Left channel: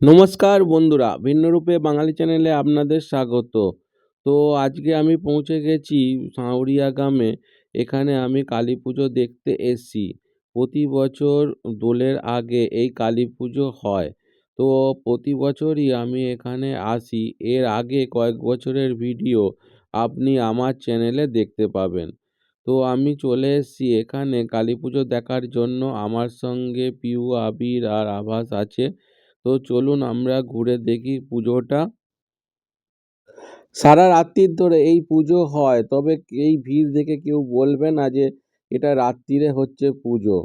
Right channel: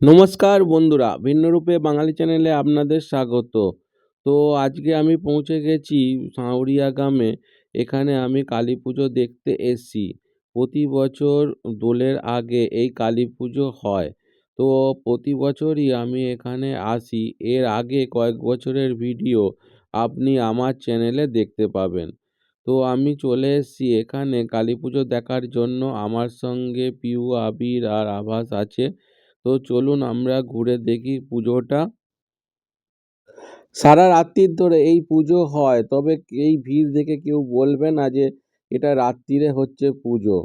নমস্কার বন্ধুরা, ভিন্নরূপে বাঙালি চ্যানেলে আপনাদের স্বাগত। তো আজকে আমি পৌঁছে গেছি সাঁওরিয়া গ্রামে, এখানে আমি কালী পুজো দেখতে এসেছি। প্রতি বছর দোলের আগে এই কালী পুজো হয়। তো প্রতি বছরই আমি এখানে আসি। এর আগে কয়েক বছরের ভিডিও আপনি আমার চ্যানেলে দেখতে পাবেন। তো আমি চলে এসেছি এখানে কালী পুজো দেখার জন্য। আমার সঙ্গে পিউ, আবির আর আভাস আছে। তো চলুন আমরা ঘুরে দেখি পুজোটা। সারা রাত্রির ধরে এই পুজো হয়, তবে এই ভিড় দেখে কেউ বলবে না যে এটা রাত্রিরে হচ্ছে পুজো।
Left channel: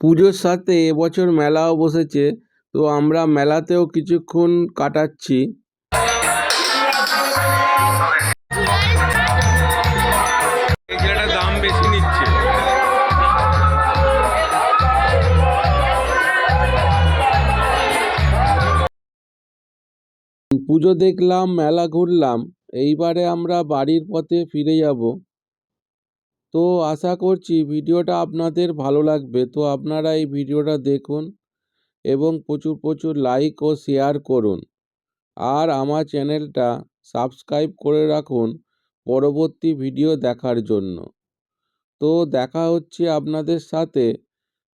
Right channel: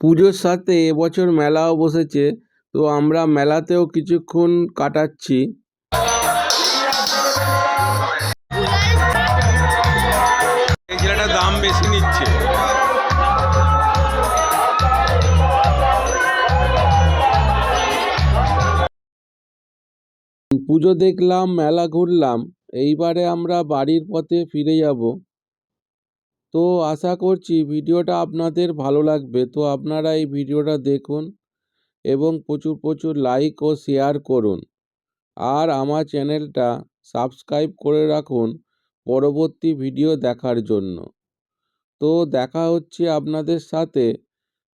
পুজোর সাথে এবছর মেলাও বসেছে তো আমরা মেলাতেও কিছুক্ষণ কাটাচ্ছি। দাম বেশি নিচ্ছে। পুজো দেখলাম মেলা ঘুরলাম এইবারে আমরা বাড়ির পথে ফিরে যাব। তো আশা করছি ভিডিওটা আপনাদের ভালো লাগবে। তো আপনারা এই ভিডিওটা দেখুন এবং প্রচুর প্রচুর লাইক ও শেয়ার করুন। আর আমার চ্যানেলটা সাবস্ক্রাইব করে রাখুন পরবর্তী ভিডিও দেখার জন্য। তো দেখা হচ্ছে আপনাদের সাথে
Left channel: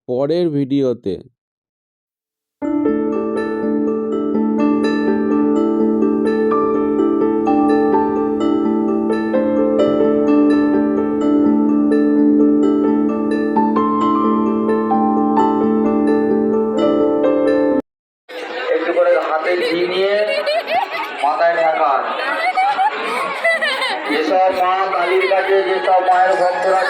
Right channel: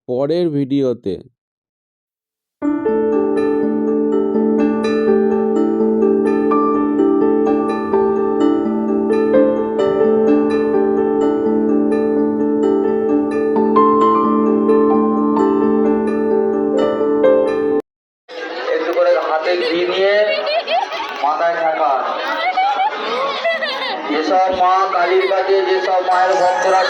পরের ভিডিওতে কালীর কাছে যেসব মায়ের ভক্তরা